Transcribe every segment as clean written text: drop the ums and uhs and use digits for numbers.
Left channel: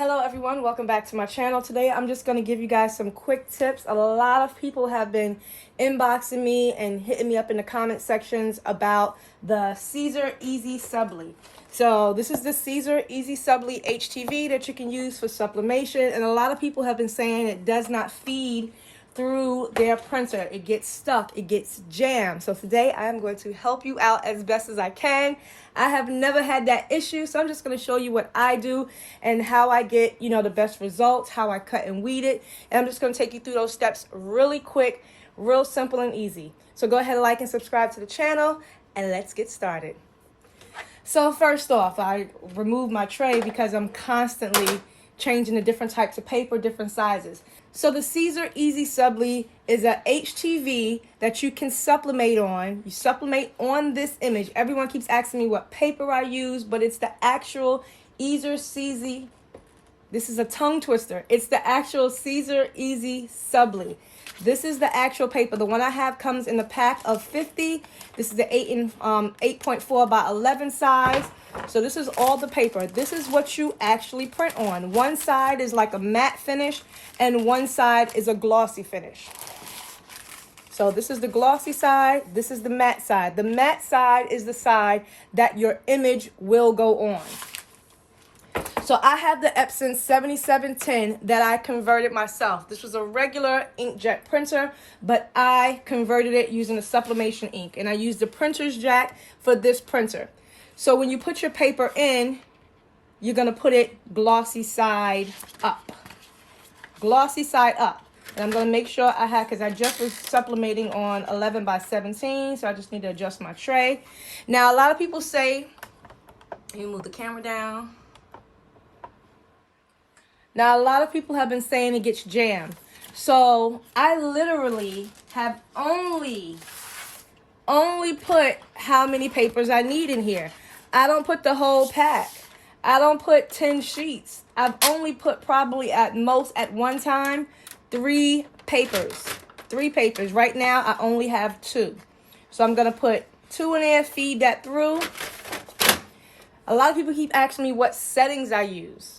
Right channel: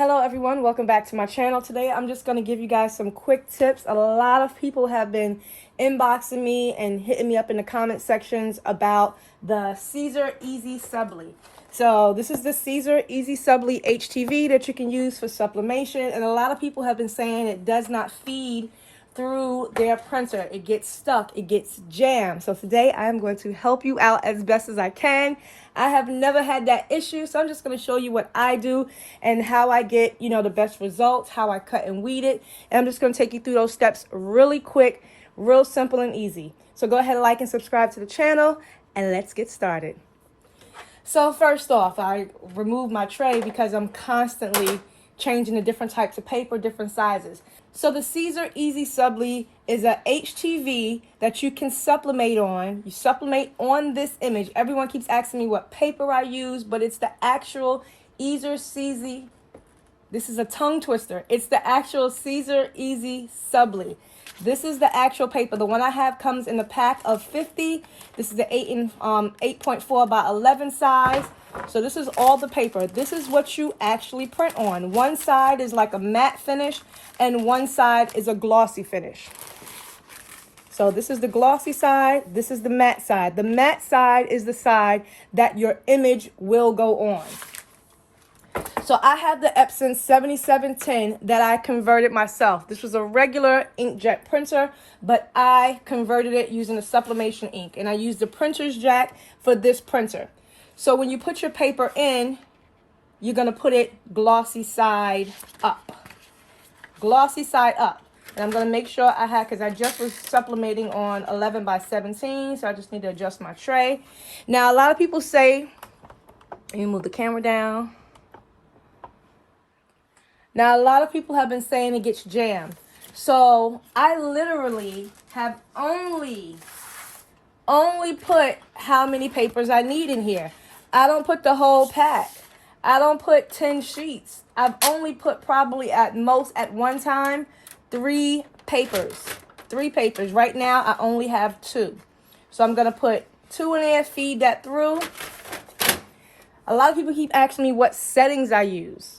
Hello everyone, welcome back to my channel. Today I'm just going to give you guys some quick tips. A lot of people have been inboxing me and hitting me up in the comment sections about the Siser Easy Subli. So this is the Siser Easy Subli HTV that you can use for sublimation, and a lot of people have been saying it does not feed through their printer. It gets stuck, it gets jammed. So today I'm going to help you out as best as I can. I have never had that issue, so I'm just going to show you what I do and how I get, the best results, how I cut and weed it. And I'm just going to take you through those steps really quick, real simple and easy. So go ahead and like and subscribe to the channel, and let's get started. So first off, I removed my tray because I'm constantly changing the different types of paper, different sizes. So the Siser Easy Subli is a HTV that you can sublimate on. You sublimate on this image. Everyone keeps asking me what paper I use, but it's the actual Siser Easy. This is a tongue twister. It's the actual Siser Easy Subli. This is the actual paper. The one I have comes in a pack of 50. This is the 8.4 by 11 size. So this is all the paper. This is what you actually print on. One side is like a matte finish and one side is a glossy finish. So this is the glossy side. This is the matte side. The matte side is the side that your image will go on. So I have the Epson 7710 that I converted myself. This was a regular inkjet printer, but I converted it using a sublimation ink, and I used the printer's jack for this printer. So when you put your paper in, you're going to put it glossy side up. Glossy side up. And I'm going to make sure I have, because I just was sublimating on 11 by 17, so I just need to adjust my tray. Now, a lot of people say, let me move the camera down. Now, a lot of people have been saying it gets jammed. So I literally have only put how many papers I need in here. I don't put the whole pack. I don't put 10 sheets. I've only put probably at most at one time 3 papers. 3 papers. Right now, I only have 2. So I'm going to put 2 in there, feed that through. A lot of people keep asking me what settings I use.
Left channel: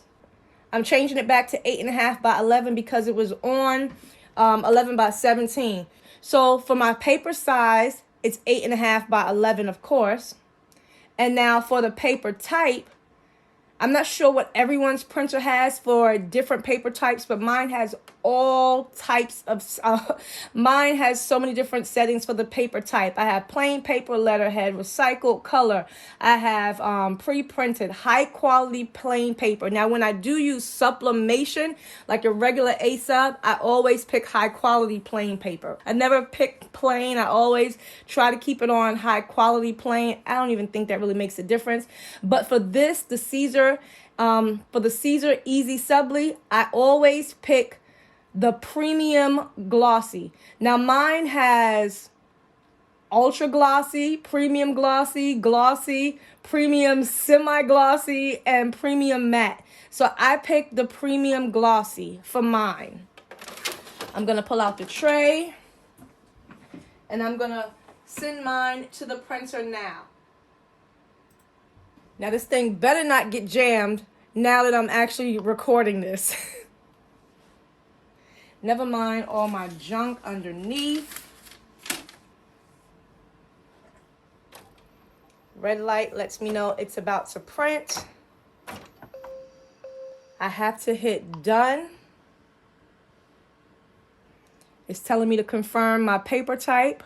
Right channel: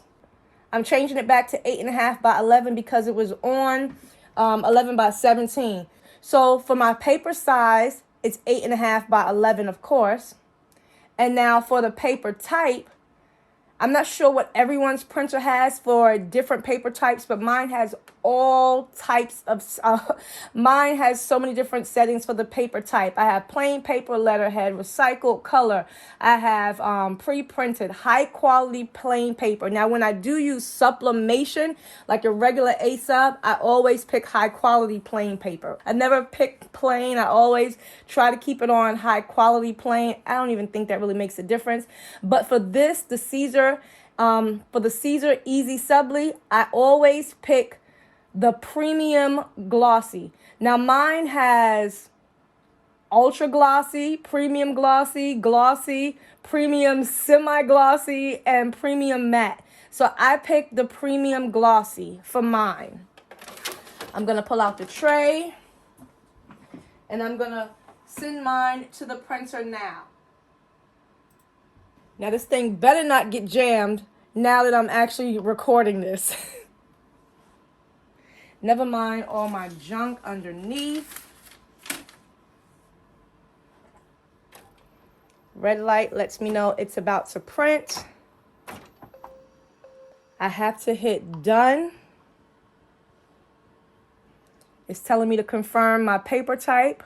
I'm changing it back to 8.5 by 11 because it was on 11 by 17. So for my paper size, it's 8.5 by 11, of course. And now for the paper type, I'm not sure what everyone's printer has for different paper types, but mine has all types of, mine has so many different settings for the paper type. I have plain paper, letterhead, recycled color. I have pre-printed, high quality plain paper. Now, when I do use sublimation, like a regular A-sub, I always pick high quality plain paper. I never pick plain. I always try to keep it on high quality plain. I don't even think that really makes a difference. But for this, the Siser, for the Siser Easy Subli, I always pick the premium glossy. Now mine has ultra glossy, premium glossy, glossy, premium semi-glossy, and premium matte. So I picked the premium glossy for mine. I'm going to pull out the tray, and I'm going to send mine to the printer now. Now this thing better not get jammed now that I'm actually recording this. Never mind all my junk underneath. Red light lets me know it's about to print. I have to hit done. It's telling me to confirm my paper type.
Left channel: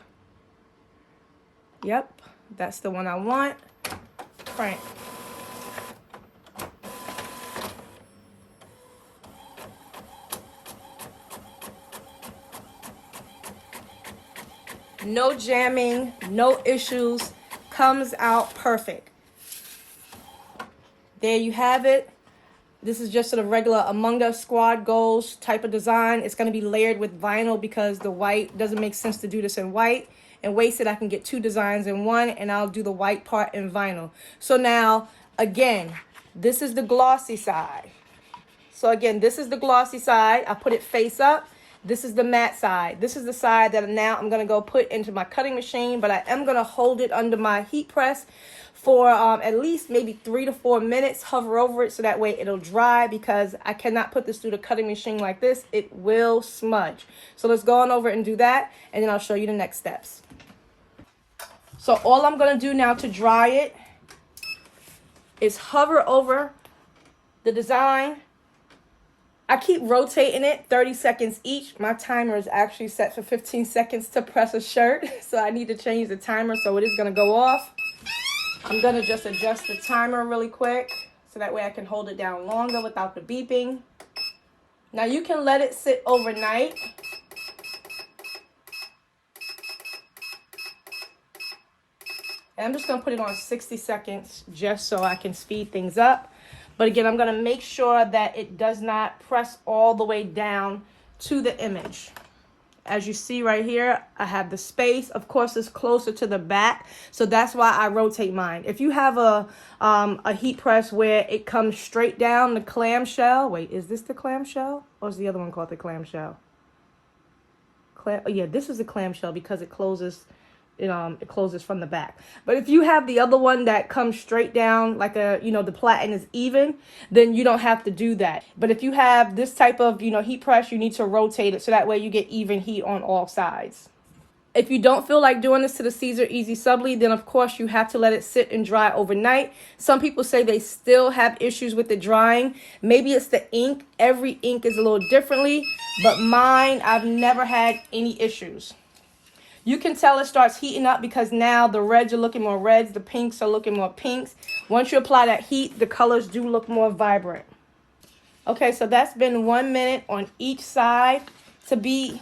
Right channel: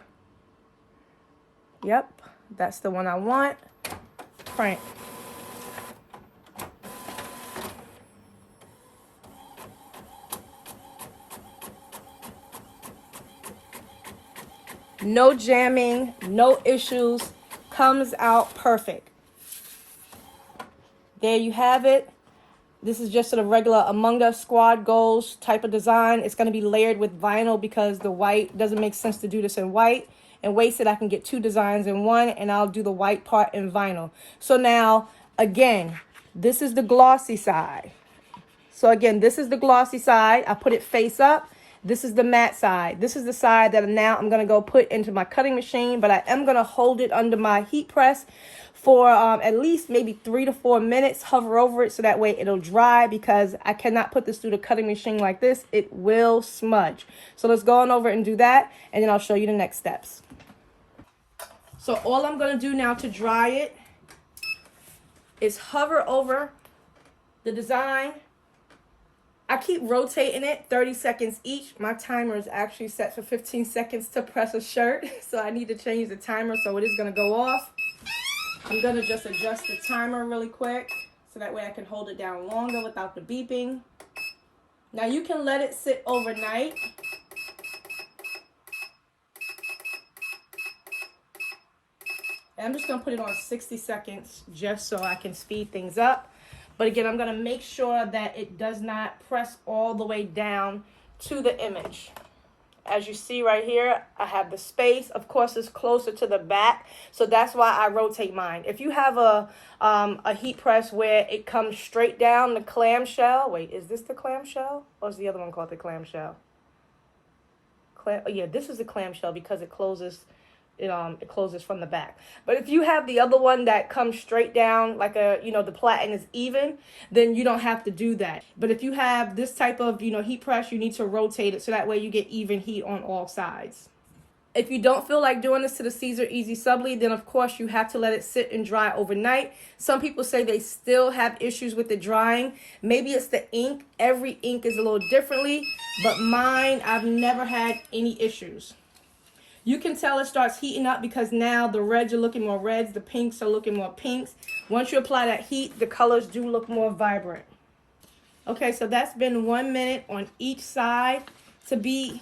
Yep, that's the one I want. Print. No jamming, no issues, comes out perfect. There you have it. This is just sort of regular Among Us Squad Goals type of design. It's going to be layered with vinyl because the white doesn't make sense to do this in white. And wasted, I can get 2 designs in one, and I'll do the white part in vinyl. So now, again, this is the glossy side. So again, this is the glossy side. I put it face up. This is the matte side. This is the side that now I'm going to go put into my cutting machine, but I am going to hold it under my heat press for at least maybe 3 to 4 minutes. Hover over it so that way it'll dry, because I cannot put this through the cutting machine like this. It will smudge. So let's go on over and do that, and then I'll show you the next steps. So all I'm going to do now to dry it is hover over the design. I keep rotating it 30 seconds each. My timer is actually set for 15 seconds to press a shirt, so I need to change the timer, so it is going to go off. I'm going to just adjust the timer really quick so that way I can hold it down longer without the beeping. Now you can let it sit overnight. And I'm just going to put it on 60 seconds just so I can speed things up. But again, I'm going to make sure that it does not press all the way down to the image. As you see right here, I have the space. Of course, it's closer to the back, so that's why I rotate mine. If you have a heat press where it comes straight down the clamshell, wait, is this the clamshell? Or is the other one called the clamshell? Yeah, this is the clamshell because it closes. It closes from the back. But if you have the other one that comes straight down, like the platen is even, then you don't have to do that. But if you have this type of, heat press, you need to rotate it so that way you get even heat on all sides. If you don't feel like doing this to the Siser Easy Subli, then of course you have to let it sit and dry overnight. Some people say they still have issues with the drying. Maybe it's the ink. Every ink is a little differently, but mine, I've never had any issues. You can tell it starts heating up because now the reds are looking more reds, the pinks are looking more pinks. Once you apply that heat, the colors do look more vibrant. Okay, so that's been 1 minute on each side. To be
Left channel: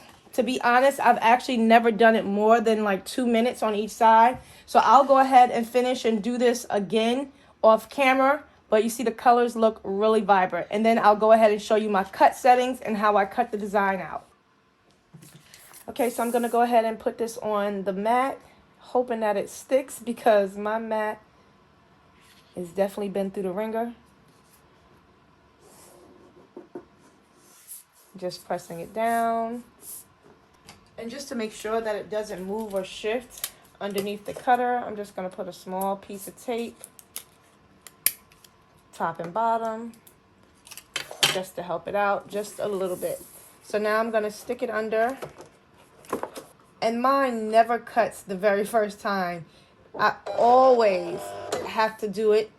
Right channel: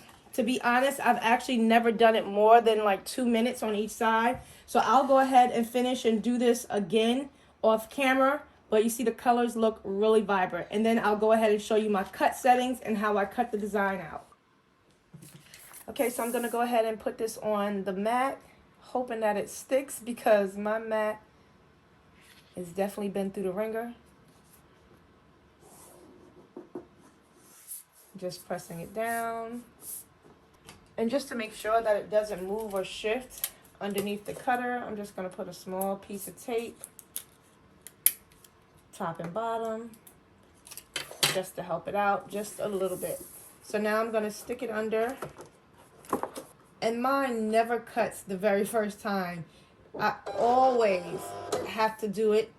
honest, I've actually never done it more than like 2 minutes on each side. So I'll go ahead and finish and do this again off camera. But you see the colors look really vibrant. And then I'll go ahead and show you my cut settings and how I cut the design out. Okay, so I'm going to go ahead and put this on the mat, hoping that it sticks because my mat has definitely been through the ringer. Just pressing it down. And just to make sure that it doesn't move or shift underneath the cutter, I'm just going to put a small piece of tape, top and bottom, just to help it out just a little bit. So now I'm going to stick it under. And mine never cuts the very first time. I always have to do it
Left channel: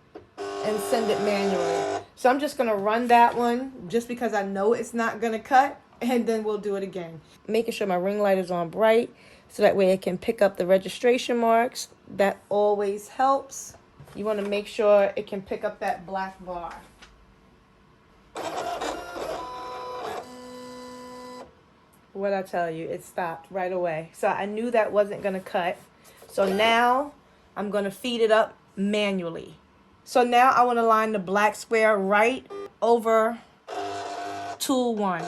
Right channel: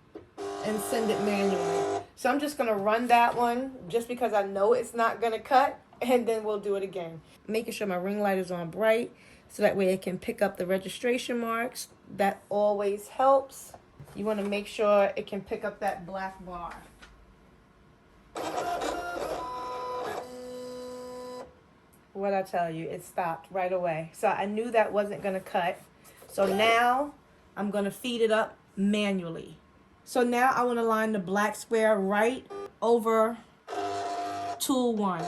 and send it manually. So I'm just going to run that one just because I know it's not going to cut, and then we'll do it again. Making sure my ring light is on bright so that way it can pick up the registration marks. That always helps. You want to make sure it can pick up that black bar. What I tell you, it stopped right away. So I knew that wasn't going to cut. So now I'm going to feed it up manually. So now I want to line the black square right over tool 1.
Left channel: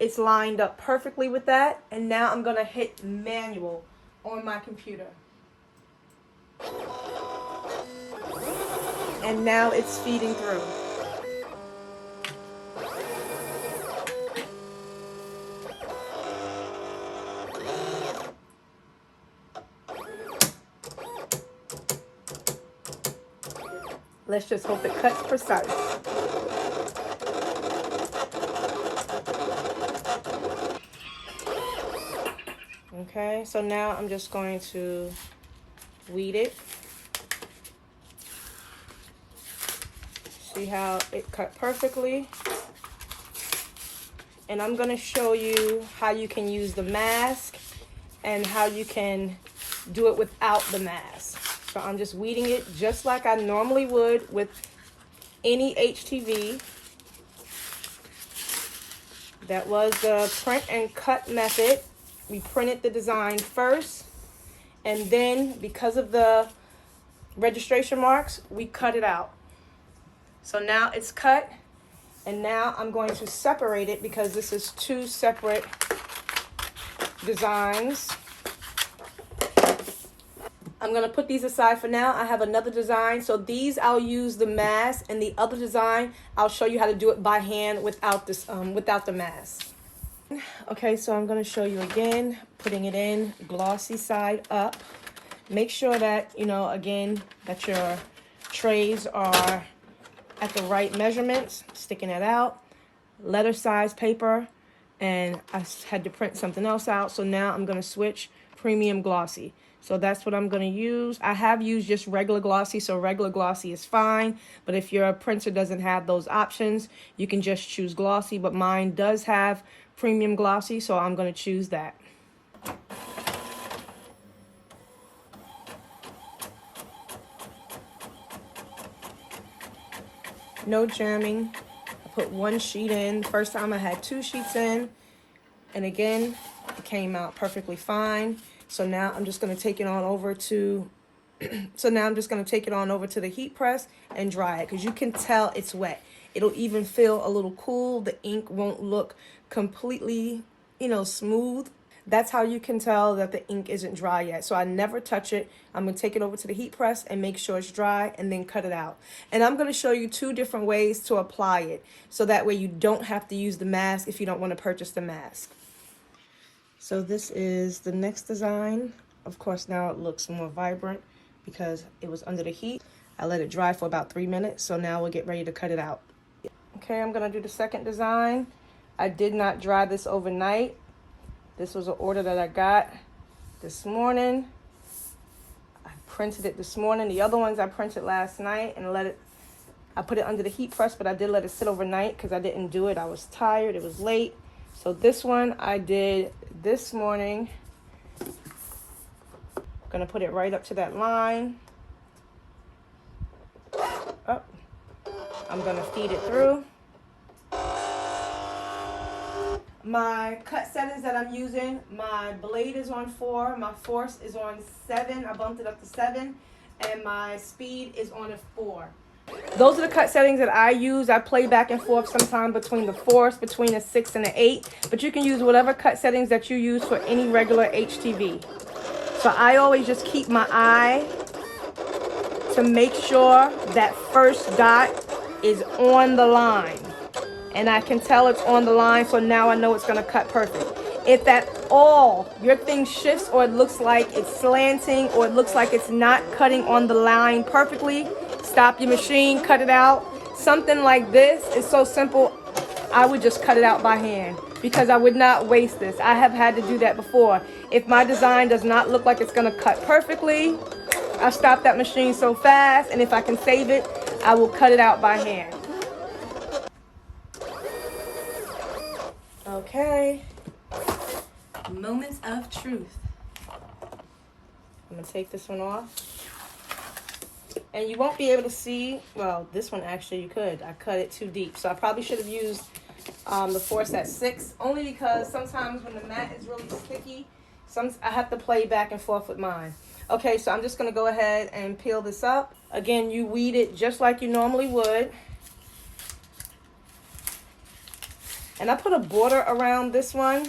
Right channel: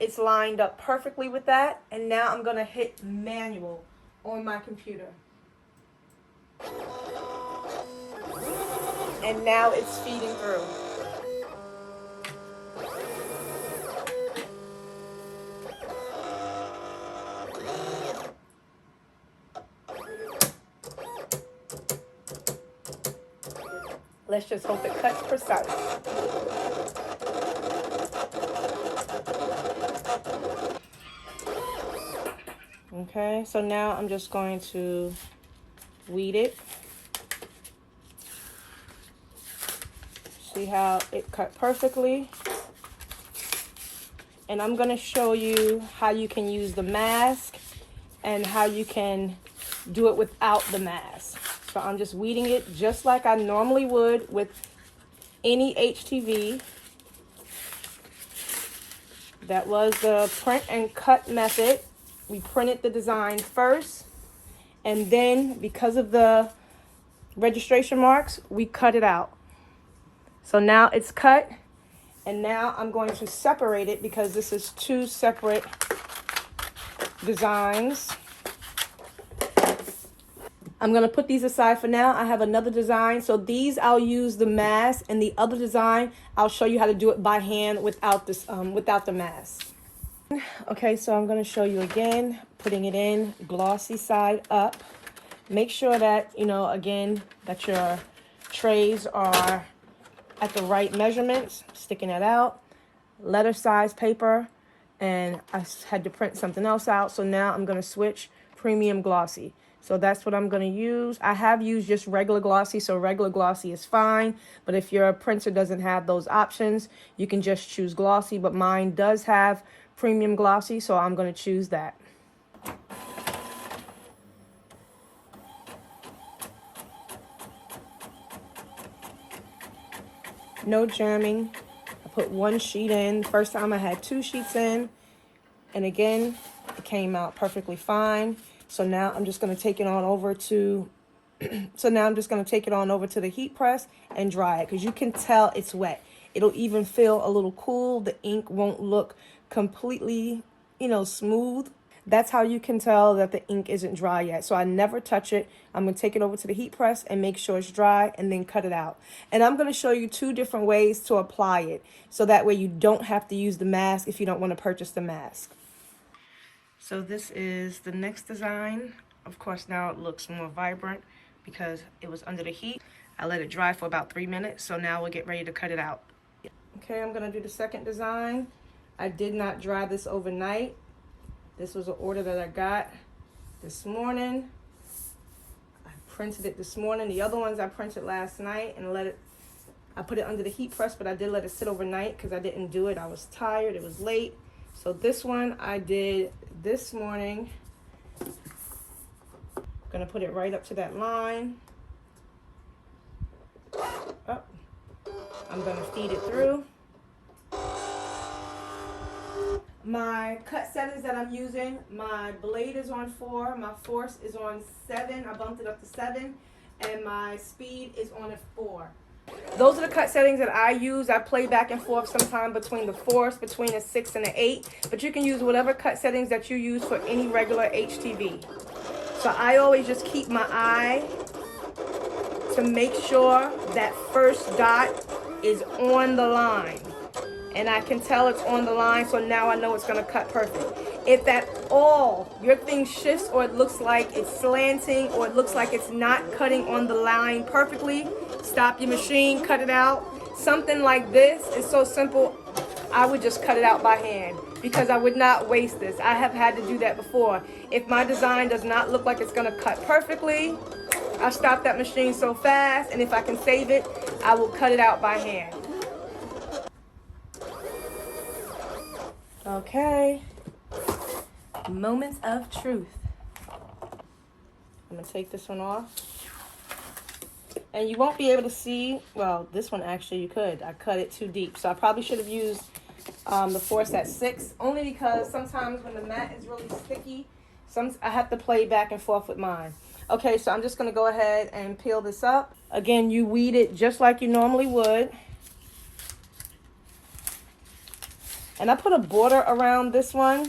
It's lined up perfectly with that. And now I'm going to hit manual on my computer. And now it's feeding through. Let's just hope it cuts precise. Okay, so now I'm just going to weed it. See how it cut perfectly? And I'm going to show you how you can use the mask and how you can do it without the mask. So I'm just weeding it just like I normally would with any HTV. That was the print and cut method. We printed the design first, and then because of the registration marks, we cut it out. So now it's cut, and now I'm going to separate it because this is 2 separate designs. I'm going to put these aside for now. I have another design. So these I'll use the mask, and the other design I'll show you how to do it by hand without this without the mask. Okay, so I'm going to show you again, putting it in glossy side up. Make sure that, again, that your trays are at the right measurements, sticking that out. Letter size paper, and I had to print something else out, so now I'm going to switch premium glossy. So that's what I'm going to use. I have used just regular glossy, so regular glossy is fine, but if your printer doesn't have those options, you can just choose glossy, but mine does have premium glossy, so I'm going to choose that. No jamming. I put one sheet in. First time I had 2 sheets in, and again, it came out perfectly fine. So now I'm just going to take it on over to the heat press and dry it, because you can tell it's wet. It'll even feel a little cool. The ink won't look completely, smooth. That's how you can tell that the ink isn't dry yet. So I never touch it. I'm going to take it over to the heat press and make sure it's dry, and then cut it out. And I'm going to show you 2 different ways to apply it, so that way you don't have to use the mask if you don't want to purchase the mask. So this is the next design. Of course, now it looks more vibrant because it was under the heat. I let it dry for about 3 minutes, so now we'll get ready to cut it out. Okay, I'm going to do the second design. I did not dry this overnight. This was an order that I got this morning. I printed it this morning. The other ones I printed last night and I put it under the heat press, but I did let it sit overnight because I didn't do it. I was tired, it was late. So this one I did this morning. I'm gonna put it right up to that line. Up. I'm gonna feed it through. My cut settings that I'm using, my blade is on 4, my force is on 7, I bumped it up to 7, and my speed is on a 4. Those are the cut settings that I use. I play back and forth sometimes between the force, between a 6 and an 8, but you can use whatever cut settings that you use for any regular HTV. So I always just keep my eye to make sure that first dot is on the line. And I can tell it's on the line, so now I know it's gonna cut perfect. If at all your thing shifts, or it looks like it's slanting, or it looks like it's not cutting on the line perfectly, stop your machine, cut it out. Something like this is so simple, I would just cut it out by hand, because I would not waste this. I have had to do that before. If my design does not look like it's gonna cut perfectly, I'll stop that machine so fast, and if I can save it, I will cut it out by hand. Okay, moments of truth. I'm gonna take this one off. And you won't be able to see, well, this one actually you could. I cut it too deep. So I probably should have used the force at 6, only because sometimes when the mat is really sticky, I have to play back and forth with mine. Okay, so I'm just gonna go ahead and peel this up. Again, you weed it just like you normally would. And I put a border around this one,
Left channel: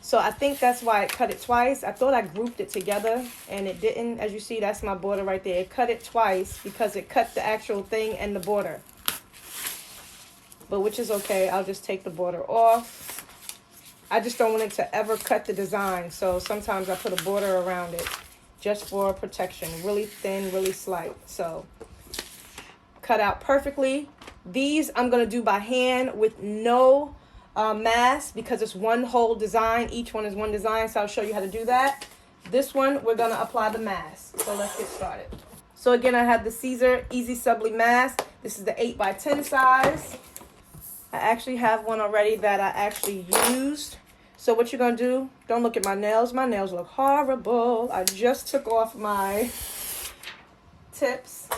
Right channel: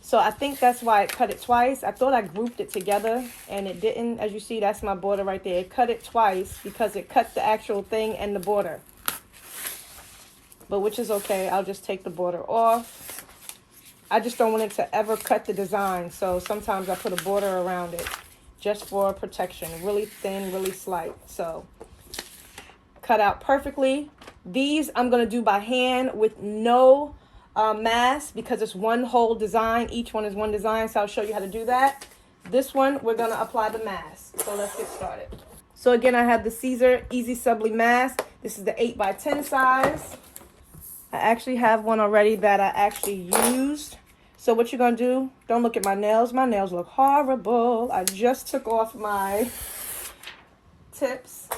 so I think that's why it cut it twice. I thought I grouped it together, and it didn't. As you see, that's my border right there. It cut it twice because it cut the actual thing and the border. But which is okay. I'll just take the border off. I just don't want it to ever cut the design, so sometimes I put a border around it just for protection. Really thin, really slight. So cut out perfectly. These I'm going to do by hand with no mask, because it's one whole design. Each one is one design, so I'll show you how to do that. This one, we're going to apply the mask. So let's get started. So again, I have the Siser Easy Subli mask. This is the 8x10 size. I actually have one already that I actually used. So what you're going to do, don't look at my nails. My nails look horrible. I just took off my tips.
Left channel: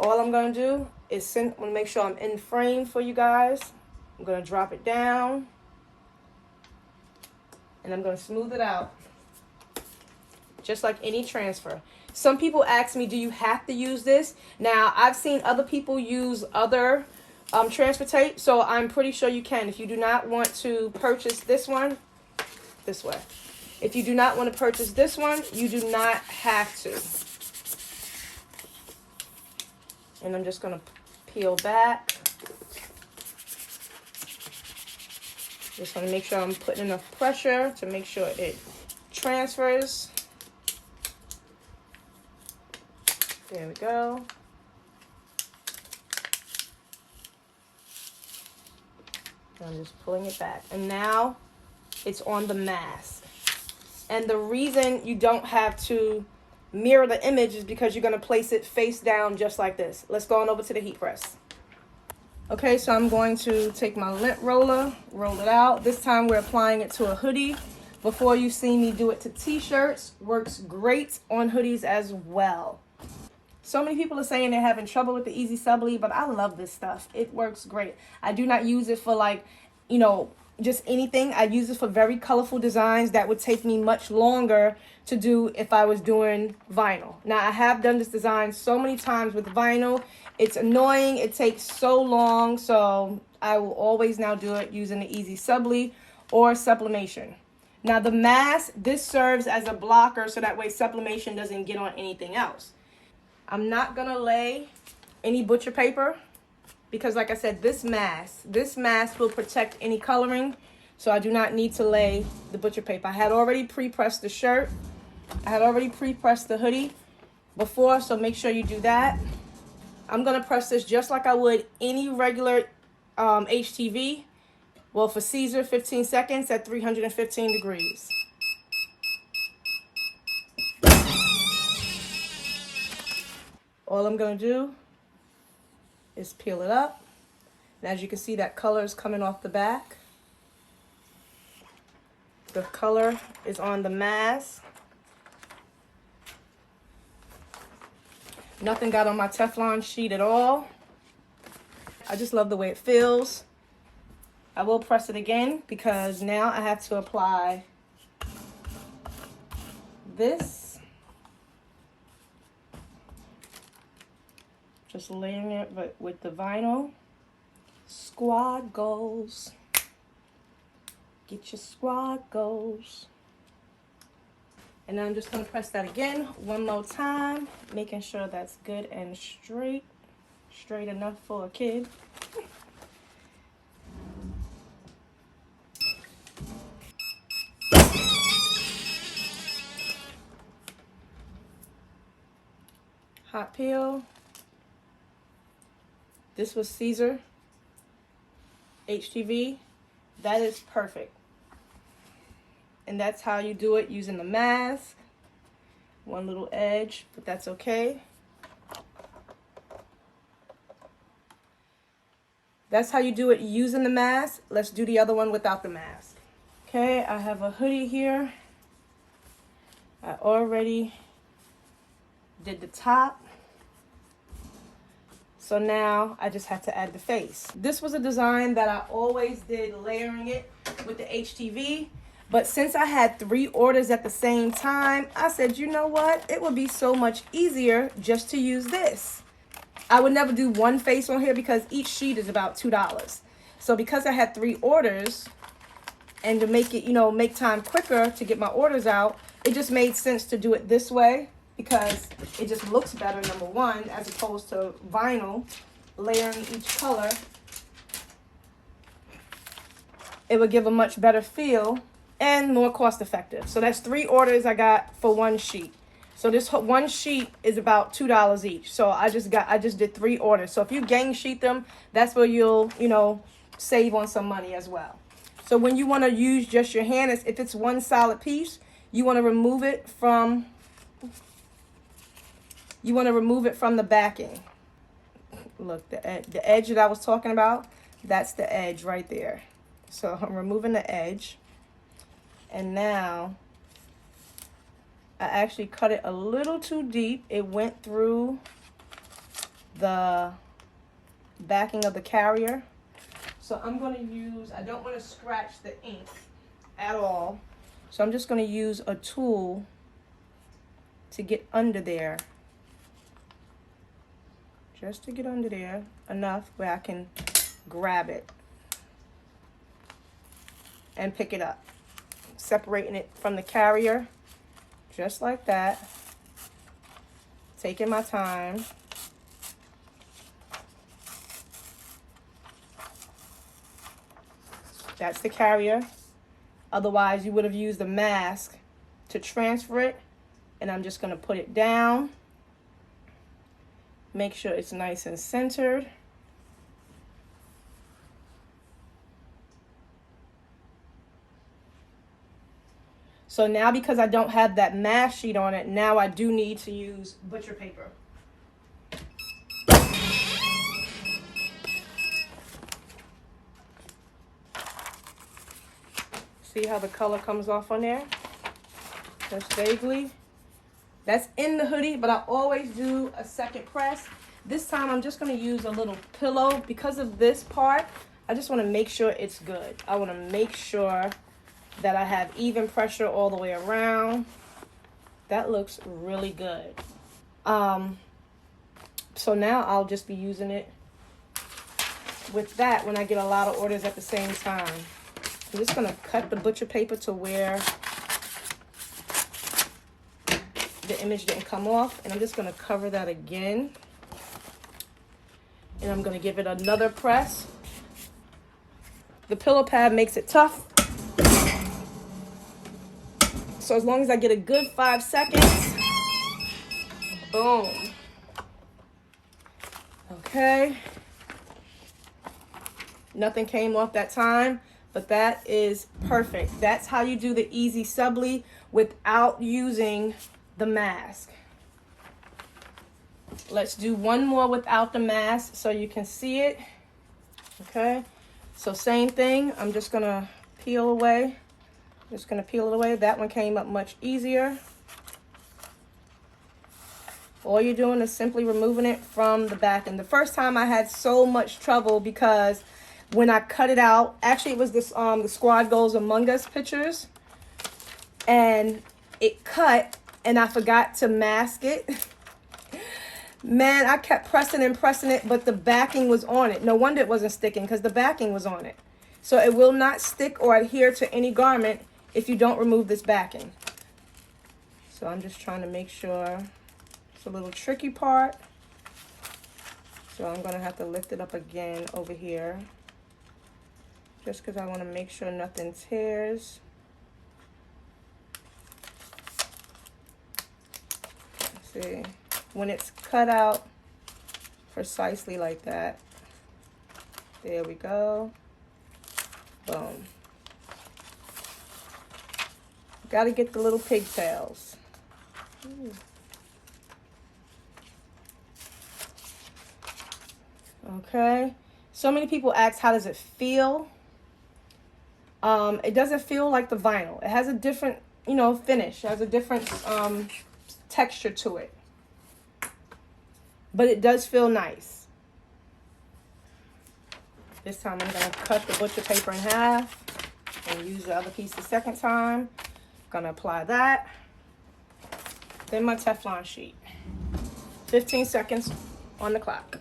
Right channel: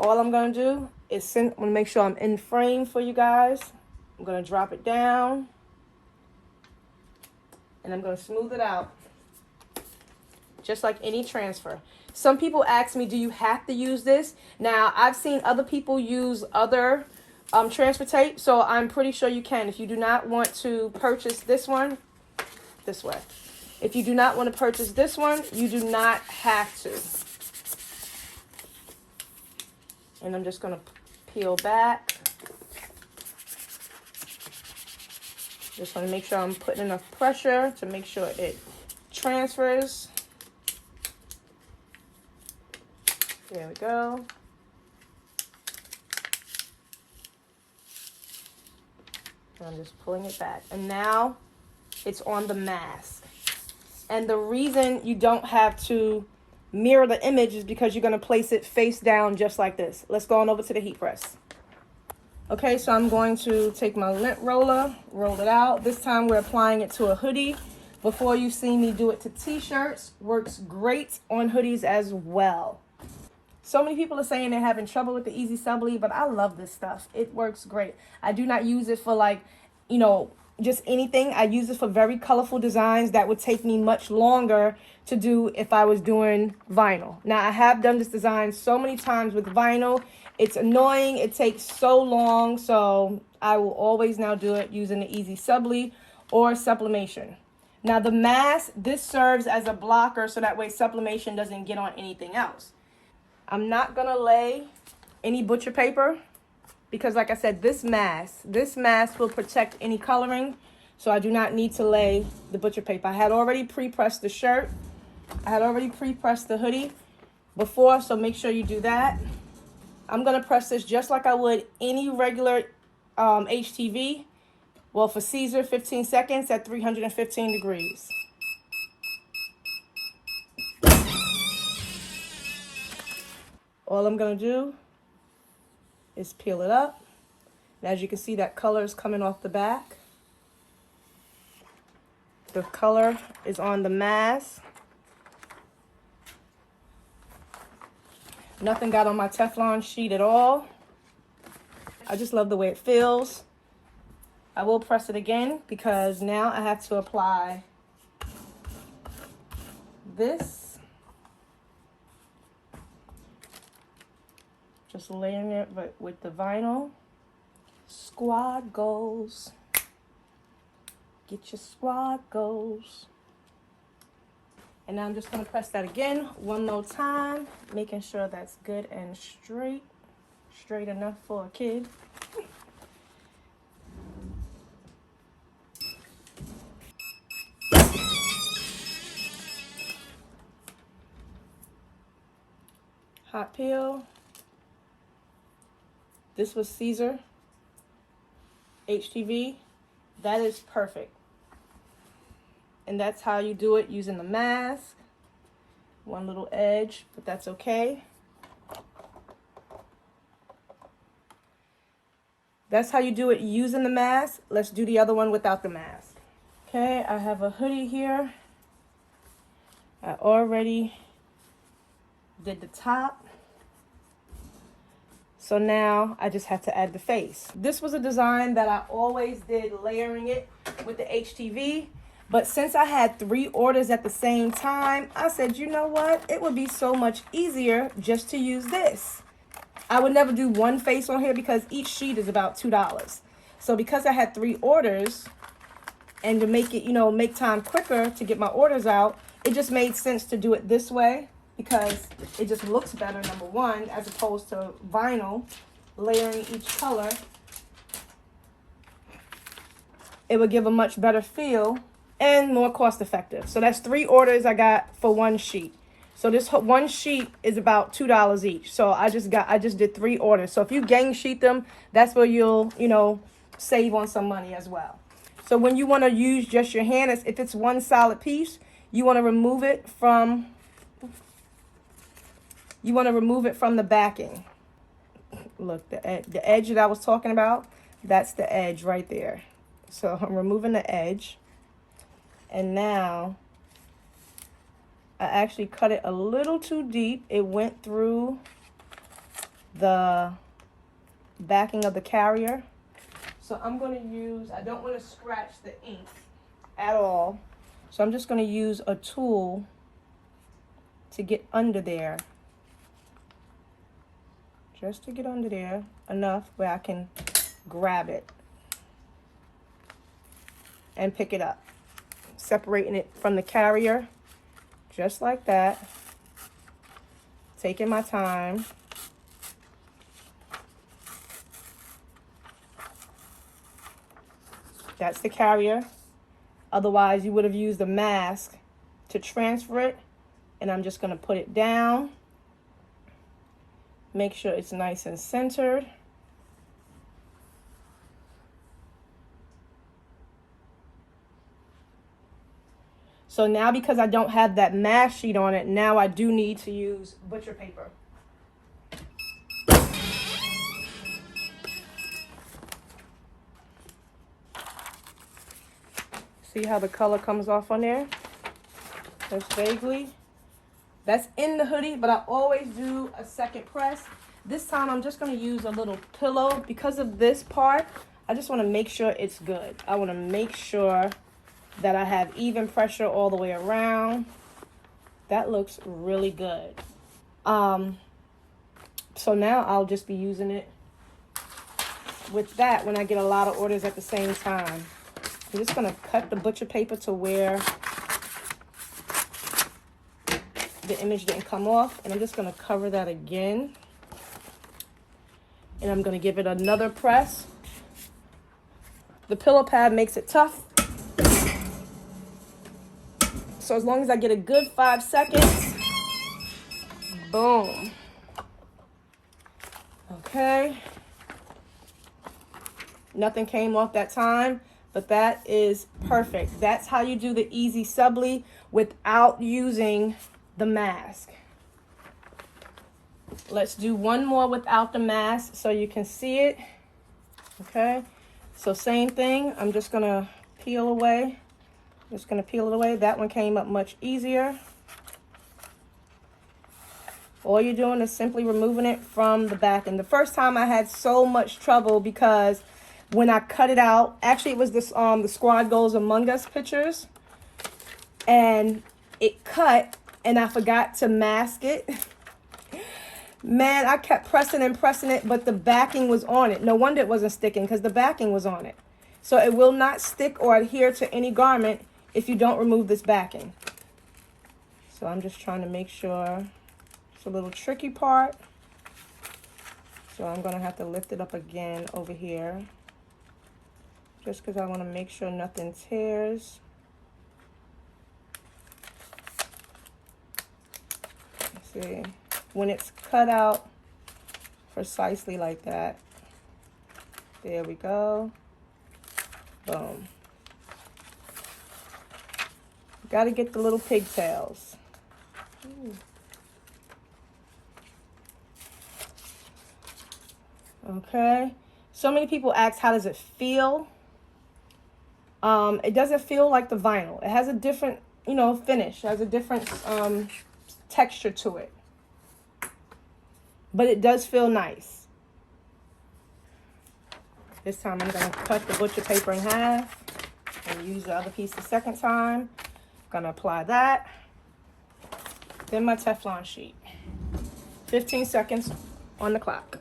All I'm going to do is make sure I'm in frame for you guys. I'm going to drop it down. And I'm going to smooth it out. Just like any transfer. Some people ask me, do you have to use this? Now, I've seen other people use other transfer tape, so I'm pretty sure you can. If you do not want to purchase this one, this way. If you do not want to purchase this one, you do not have to. And I'm just going to peel back. Just want to make sure I'm putting enough pressure to make sure it transfers. There we go. I'm just pulling it back. And now it's on the mask. And the reason you don't have to mirror the image is because you're going to place it face down just like this. Let's go on over to the heat press. Okay, so I'm going to take my lint roller, roll it out. This time we're applying it to a hoodie. Before, you've seen me do it to t-shirts. Works great on hoodies as well. So many people are saying they're having trouble with the Easy Subli, but I love this stuff. It works great. I do not use it for, like, you know, just anything. I use it for very colorful designs that would take me much longer to do if I was doing vinyl. Now, I have done this design so many times with vinyl. It's annoying. It takes so long. So I will always now do it using the Esay Subli or sublimation. Now, the mask, this serves as a blocker so that way sublimation doesn't get on anything else. I'm not going to lay any butcher paper because, like I said, this mask will protect any coloring. So I do not need to lay the butcher paper. I had already pre-pressed the shirt. I had already pre-pressed the hoodie before, so make sure you do that. I'm going to press this just like I would any regular HTV. Well, for Siser, 15 seconds at 315 degrees. All I'm going to do is peel it up. And as you can see, that color is coming off the back. The color is on the mask. Nothing got on my Teflon sheet at all. I just love the way it feels. I will press it again because now I have to apply this. Just layering it with the vinyl. Squad goals. Get your squad goals. And now I'm just going to press that again one more time, making sure that's good and straight. Straight enough for a kid. Hot peel. This was Siser HTV. That is perfect. And that's how you do it using the mask. One little edge, but that's okay. That's how you do it using the mask. Let's do the other one without the mask. Okay, I have a hoodie here. I already did the top. So now I just have to add the face. This was a design that I always did layering it with the HTV. But since I had 3 orders at the same time, I said, you know what? It would be so much easier just to use this. I would never do one face on here because each sheet is about $2. So because I had 3 orders and to make it, you know, make time quicker to get my orders out, it just made sense to do it this way because it just looks better, number one, as opposed to vinyl, layering each color. It would give a much better feel and more cost effective. So that's 3 orders I got for 1 sheet. So this 1 sheet is about $2 each. So I just did 3 orders. So if you gang sheet them, that's where you'll, you know, save on some money as well. So when you want to use just your hand, if it's one solid piece, you want to remove it from the backing. Look, the edge that I was talking about, that's the edge right there. So I'm removing the edge. And now I actually cut it a little too deep. It went through the backing of the carrier. So I'm going to use, I don't want to scratch the ink at all. So I'm just going to use a tool to get under there. Just to get under there enough where I can grab it and pick it up. Separating it from the carrier, just like that. Taking my time. That's the carrier. Otherwise, you would have used a mask to transfer it. And I'm just going to put it down. Make sure it's nice and centered. So now, because I don't have that mask sheet on it, now I do need to use butcher paper. See how the color comes off on there? Just vaguely. That's in the hoodie, but I always do a second press. This time I'm just going to use a little pillow. Because of this part, I just want to make sure it's good. I want to make sure that I have even pressure all the way around. That looks really good. So now I'll just be using it with that when I get a lot of orders at the same time. I'm just going to cut the butcher paper to where the image didn't come off, and I'm just going to cover that again, and I'm going to give it another press. The pillow pad makes it tough, so as long as I get a good 5 seconds, boom. Okay, nothing came off that time, but that is perfect. That's how you do the Easy Subli without using the mask. Let's do one more without the mask so you can see it. Okay, so same thing. I'm just gonna peel away. Just gonna peel it away. That one came up much easier. All you're doing is simply removing it from the back. And the first time I had so much trouble because when I cut it out, actually it was this the Squad Goes Among Us pictures, and it cut and I forgot to mask it. Man, I kept pressing and pressing it, but the backing was on it. No wonder it wasn't sticking, because the backing was on it. So it will not stick or adhere to any garment if you don't remove this backing. So I'm just trying to make sure. It's a little tricky part. So I'm going to have to lift it up again over here, just because I want to make sure nothing tears. Let's see. When it's cut out precisely like that, there we go. Boom. Got to get the little pigtails. Ooh. Okay. So many people ask, how does it feel? It doesn't feel like the vinyl. It has a different, finish. It has a different texture to it. But it does feel nice. This time I'm going to cut the butcher paper in half and use the other piece the second time. Going to apply that. Then my Teflon sheet. 15 seconds on the clock.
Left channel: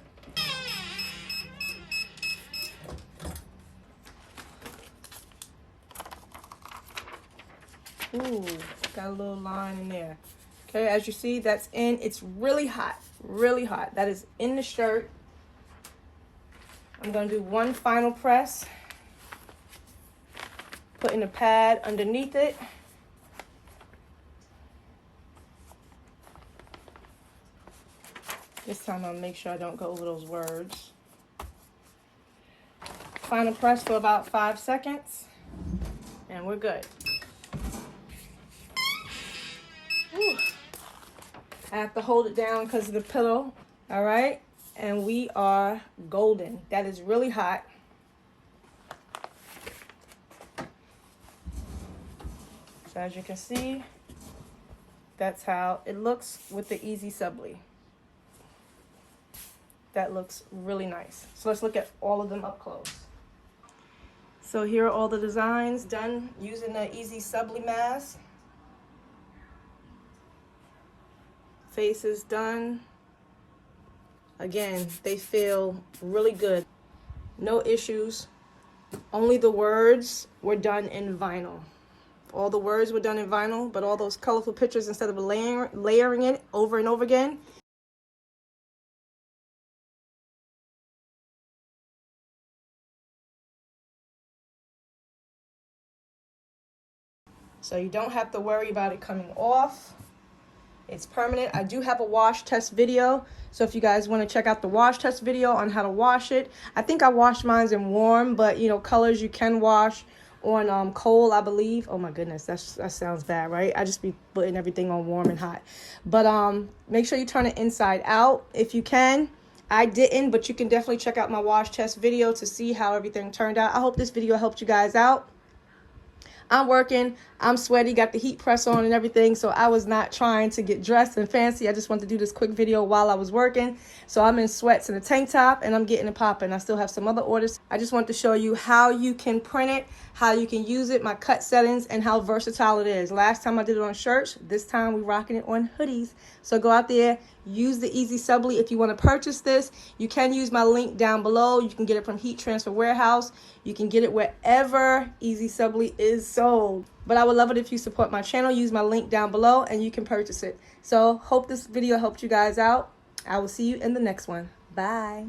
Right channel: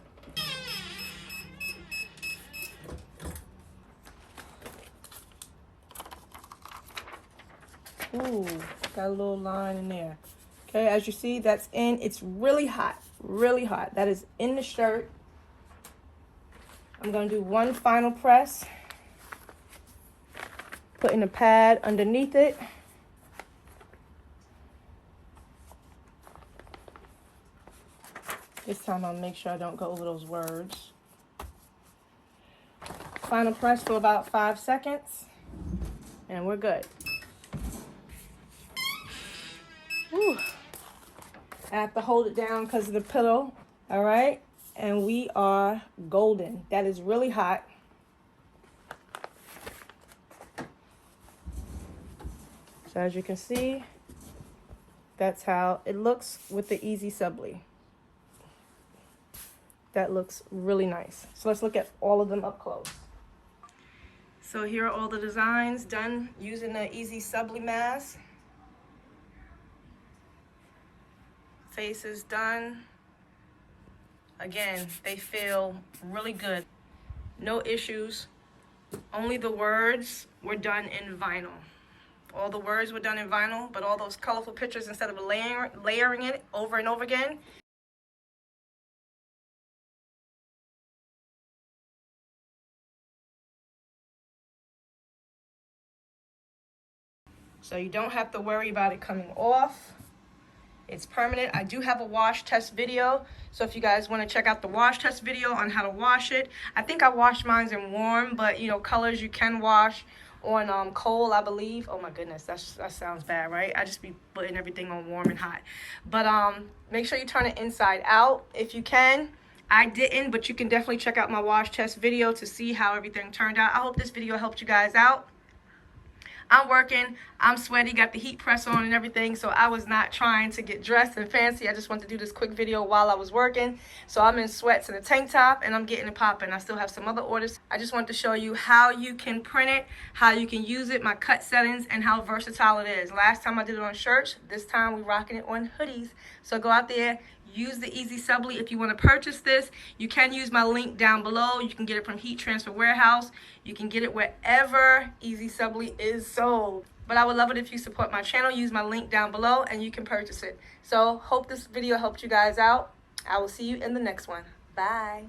Ooh, got a little line in there. Okay, as you see, that's in. It's really hot, really hot. That is in the shirt. I'm going to do one final press, putting a pad underneath it. This time I'll make sure I don't go over those words. Final press for about 5 seconds, and we're good. Whew. I have to hold it down because of the pillow. All right, and we are golden. That is really hot. So as you can see, that's how it looks with the Easy Subli. That looks really nice. So let's look at all of them up close. So here are all the designs done using the Esay Subli mask. Face is done. Again, they feel really good. No issues. Only the words were done in vinyl. All the words were done in vinyl, but all those colorful pictures, instead of layering it over and over again, So you don't have to worry about it coming off. It's permanent. I do have a wash test video. So if you guys want to check out the wash test video on how to wash it. I think I washed mine in warm, but you know, colors you can wash on cold, I believe. Oh my goodness, that sounds bad, right? I just be putting everything on warm and hot. But make sure you turn it inside out if you can. I didn't, but you can definitely check out my wash test video to see how everything turned out. I hope this video helped you guys out. I'm working, I'm sweaty, got the heat press on and everything, so I was not trying to get dressed and fancy. I just wanted to do this quick video while I was working. So I'm in sweats and a tank top, and I'm getting it popping. I still have some other orders. I just wanted to show you how you can print it, how you can use it, my cut settings, and how versatile it is. Last time I did it on shirts, this time we're rocking it on hoodies. So go out there, use the Esay Subli. If you want to purchase this, you can use my link down below. You can get it from Heat Transfer Warehouse. You can get it wherever Esay Subli is sold. But I would love it if you support my channel. Use my link down below and you can purchase it. So hope this video helped you guys out. I will see you in the next one. Bye.